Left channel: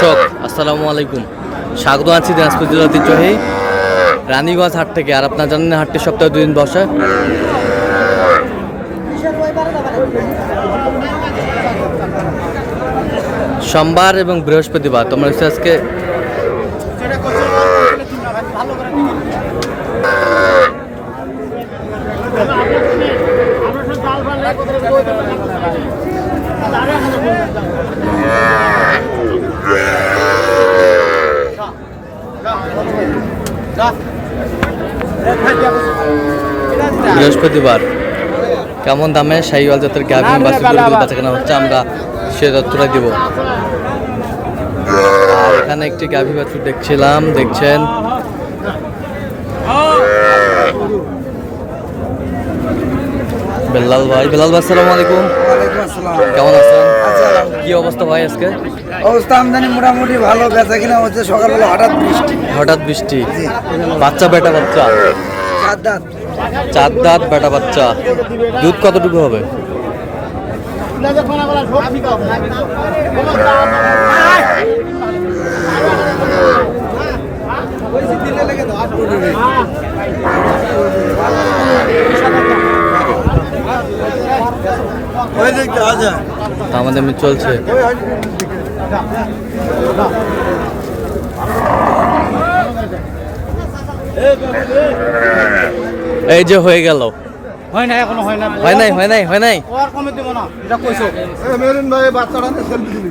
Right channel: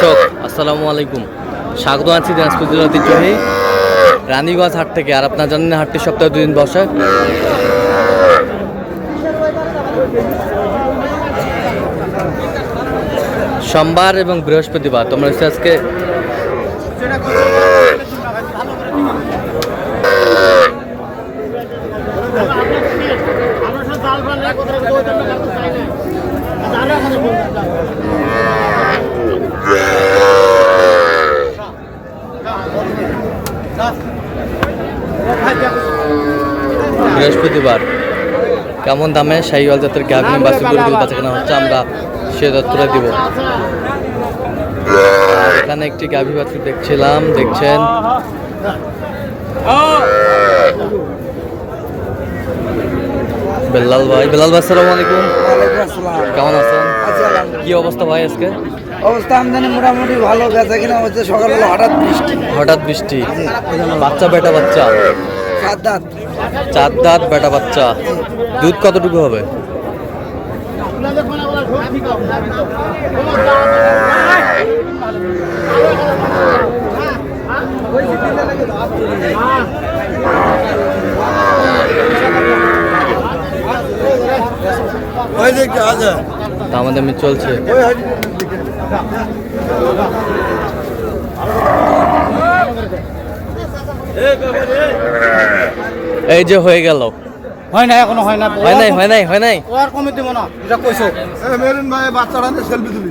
দর্শক আসসালামু আলাইকুম, স্বাগত আছি দিনাজপুর জেলার ঐতিহ্যবাহী রানীগঞ্জ হাট থেকে। আর আপনারা জানেন হাটটি সপ্তাহে 2 দিন বসে, সোমবার এবং বৃহস্পতিবার। তোমরা আজকে বৃহস্পতিবার কেমন দামে শাহিওয়াল জাতের গাভী বাছুরগুলো বাচ্চা কেনা হচ্ছে, আমরা সে তথ্যটা দিব। আর এখানে একটি গাভী বাছুর দেখছিলাম, দেখছেন বেলাল ভাই। বেলাল ভাই আসসালামু আলাইকুম। ওয়ালাইকুম আসসালাম। কেমন আছেন? আছি আলহামদুলিল্লাহ। কি অবস্থা ভাই আজকে? অবস্থা আমদানি মোটামুটি ভালো, বেচা কিনা হচ্ছে। সকালবেলা হঠাৎ বৃষ্টি। বাচ্চা বেটা বাচ্চা, 4 দাঁত। 4 দাঁত বেটা বাচ্চা। দুধ কতটুকু হবে? আমাদের চলছে। এই যে হয়ে গেল। হয় না, এখনো হয় না। হয় নাই। আর কমে দেব না, এটা কইছো। মেরুন ভাই বাচ্চাটা সেলফি দিবি।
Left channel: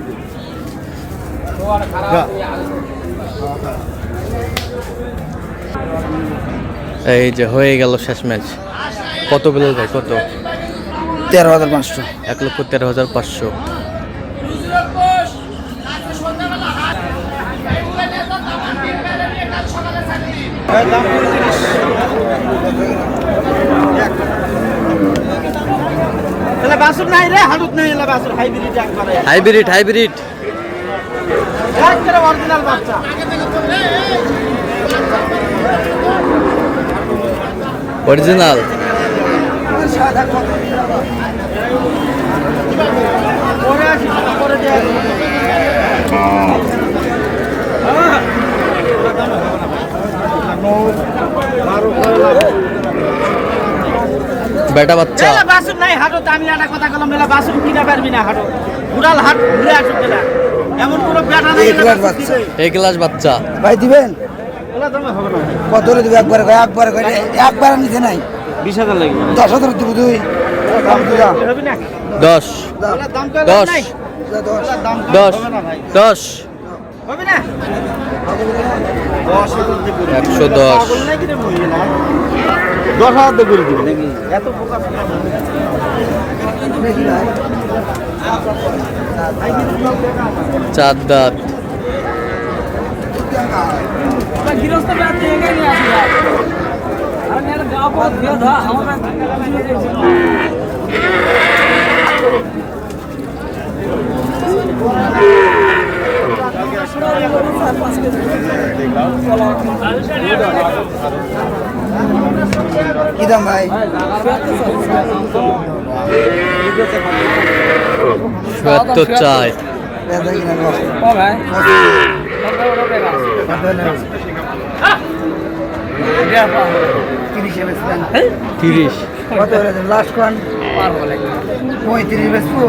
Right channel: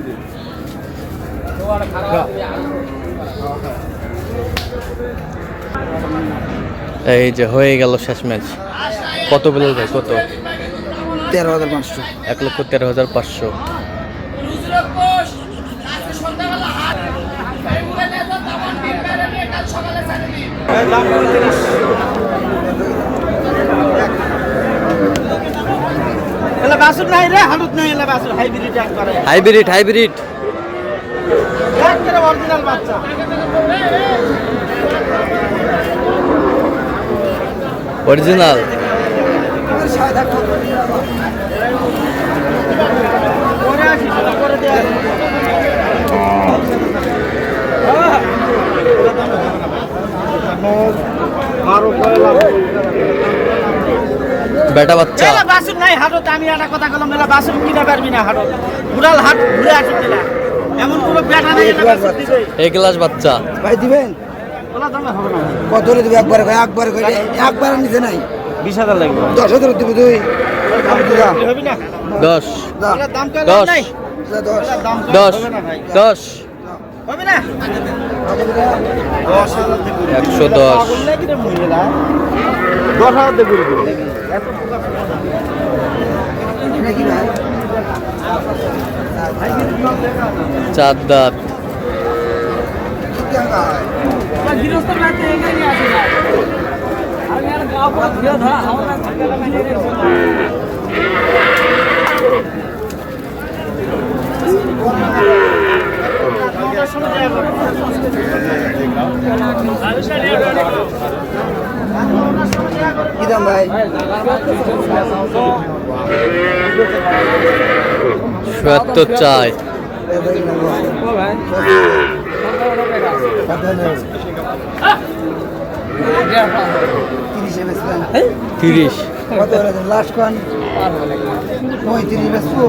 এই যে হয়ে গেল শেষ ম্যাচ। কত বেলাল ভাই? কত? 13,500। 1,13,500। দাম 35। এলা বাসুর নাই রে, হালুত নাই। এলা বাসুর হাইব্রিড একবারে। হাইব্রিড একবারে অরিজিনাল বাচ্চা। অরিজিনাল। সাদা পরে আসি, পরে দেয়া। বেটা বাচ্চা। বাসুর নাই হাটত। আমি একটা কথা বললাম, এলা বাসুর কিনা পারবি না হাটত। ঘুরাল হাট ঘুরে আসুক না। এমন কোনো বেটা নেই এলা বাসুর দিবে। এই ক্লাস বাচ্চা ভাই দিবেন? ওলা দামে হবে না ভাই। কত রে দিবে? একবার করে একবার নিতে নাই। 20,000 লাগবে। 10,000 দিব তুই। দাম দিবা হবে না? 10 ওলা দাম তো 10 নাই। 10 10 হবে না ভাই। 10 হবে না? 10,000 দিব। 110 10,000 দিব এত পোকা নাকি ভাই? 4 দাঁত। গৃহস্থ ব্যাট দিয়ে নিয়ে আসি ভাই। আর মেলা গাও পথ দিয়া ধা আমার কি দাম ভাই? 77 চাই। তিরিশ। লাস্ট কোন 35 বেসবো।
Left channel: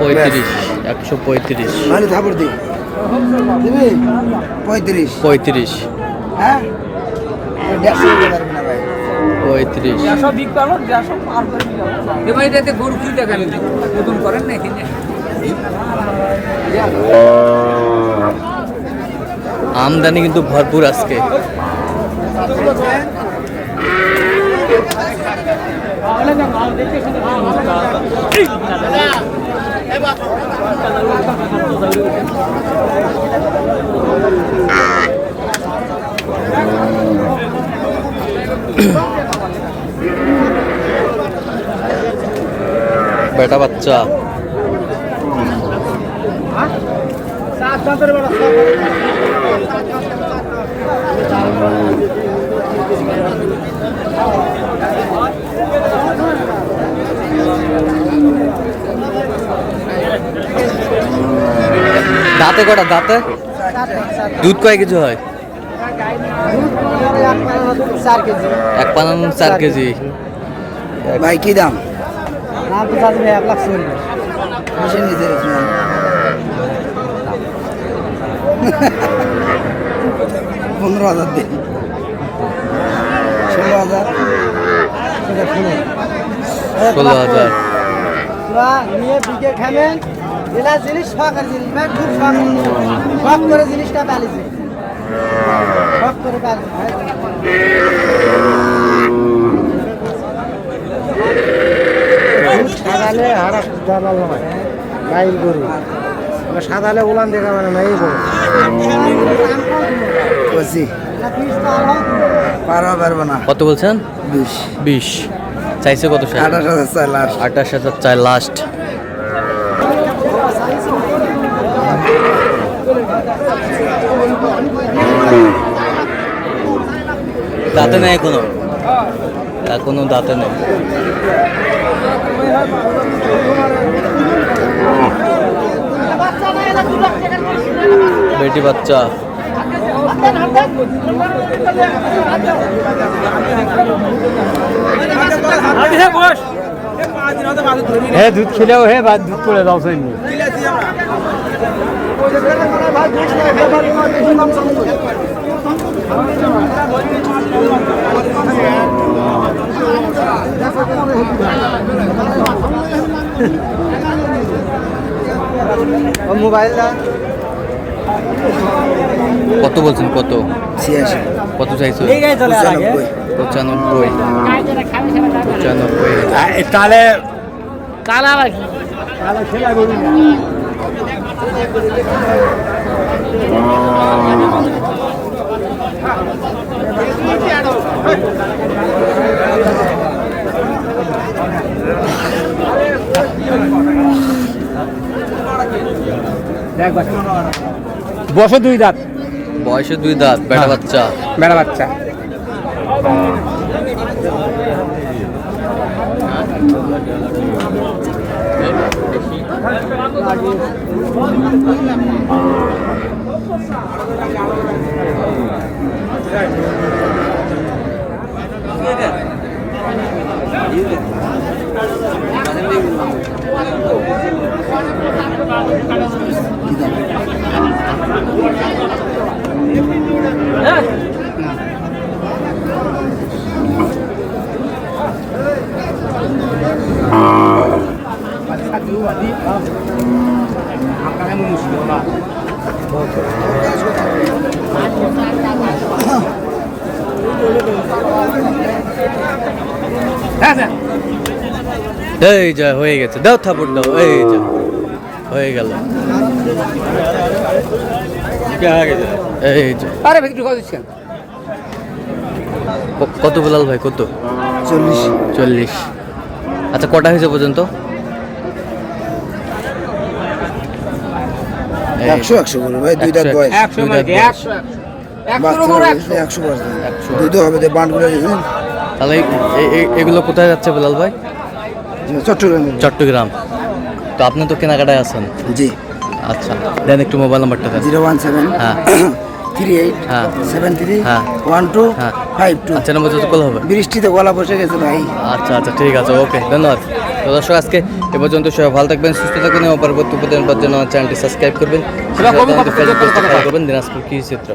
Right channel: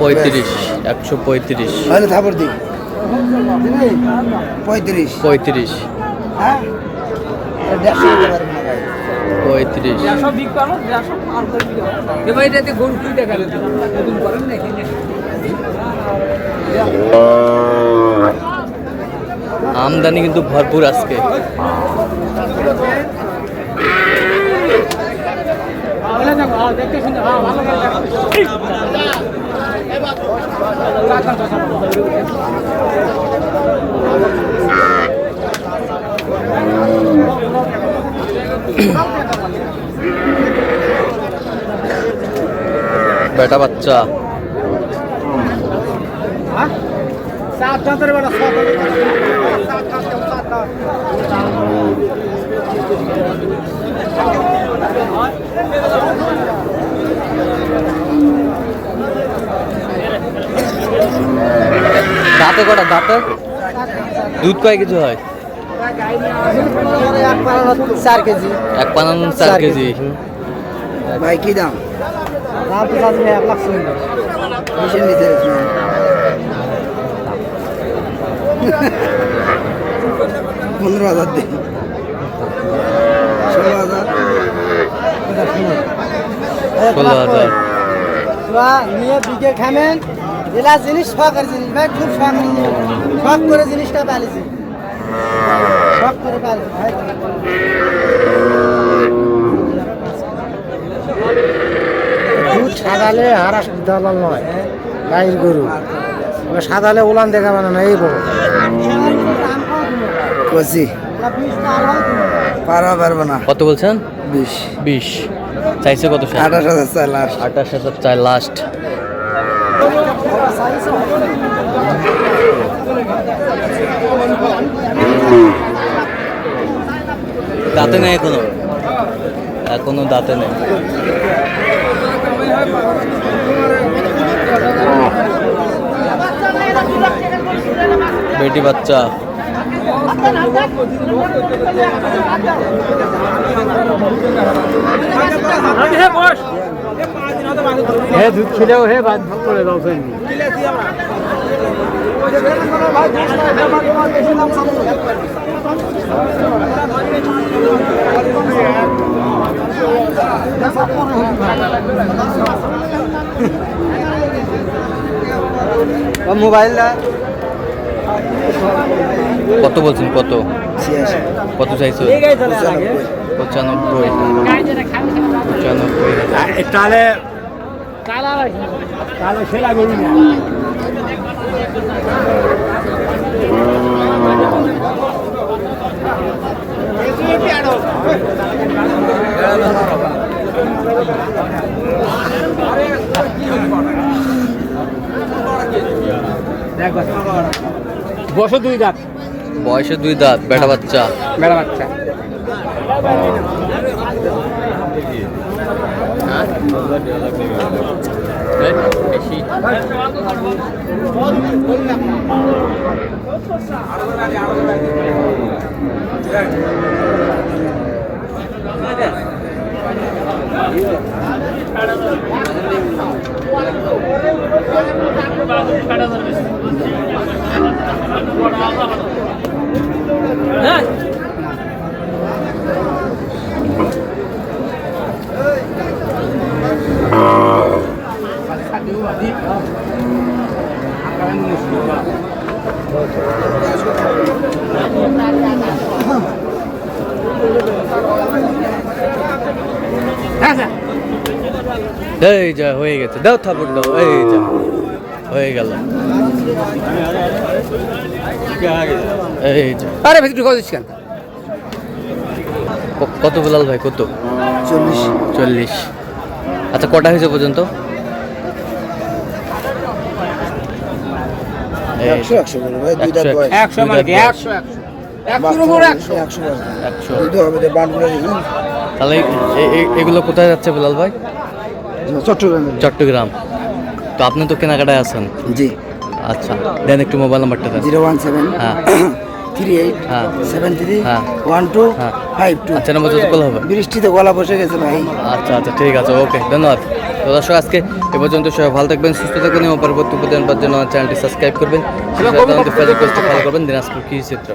35 135 ভালো থাপড় দি 35 35 হ্যাঁ 150 দিতে পারবে না ভাই। 35 এবারে গরু কি টাকা নতুন করেন না এখানে? আমদানি কিন্তু ভরপুর আজকে। বেটা বাচ্চা। দাঁতে কটা? দাঁতে দুধ কয় কেজি হয়? 4 কেজি। 1.4 কেজি। ভাই কি দাম? দাম তো চাচ্ছি 1 লাখ 40। বেশি নিতে হচ্ছে 15,000 দিন 16,000 এটা 16,000। নিয়ে বিকে খাবেন এলা জিনিস শখের জিনিস ভাই খুব শখ করে জিনিসটা পালিছি শখ করে পালিছি ভাই দুধ সাদালে হারা দালাল নয় গাইল গরু সাদালে উলান দেখা মানে না এই বড় কসি পারবো না। কত বলছেন? 20 চাইছে কত? 28,000 চাই লাস্ট। 28,000 চাই লাস্ট। দাঁতে নেই এখনো দাঁতে নেই। বেটি বাচ্চা। হ্যাঁ দুধ ছিলেও হে বাদ দুধ করে দাও সেই মোবাইল কত বলছেন? কত 86 কত চাইছো? 95। তাহলে কালা রাখি তাহলে সেলা গরু না বয়সে 2 দাঁত। বয়সে 2 দাঁত। বেটা বাচ্চা। বেড়া বাচ্চা। এই যা হয়ে গেছে, দাও থাপড় দাও। এই যা হয়ে গেল। এই যা আরে ভিতরে কত দিচ্ছেন? কত বেলাল ভাই? কত? 40। আচ্ছা কটা হয়েছে পর্যন্ত? 100 বলে ভাই দুই দাঁত বয়স 100 দুধ হবে যে বান্ডগুলো দেখুন। তাহলে এগুলো কোথায় যাচ্ছে বেলাল ভাই? চট্টগ্রাম। তো আপনি তো কেনাকাটায় আছেন। জি আচ্ছা দেন একটু মোবাইল নাম্বারটা দেন। 017 হ্যাঁ 38 হ্যাঁ 73 হ্যাঁ 12 হ্যাঁ 52। আচ্ছা নাম্বার যত কল হবে। বৃষ্টিতে গলা বসে গেছে ভাই। আচ্ছা আচ্ছা ঠিক আছে, ওকে ধন্যবাদ। তো দর্শক আজকে এ পর্যন্ত সবাই ভালো থাকবেন, সুস্থ থাকবেন এবং পরবর্তী উপদেশ পাওয়ার জন্য চ্যানেলটি সাবস্ক্রাইব করবেন, ফলো করবেন দিনাজপুর কৃষি চিত্র।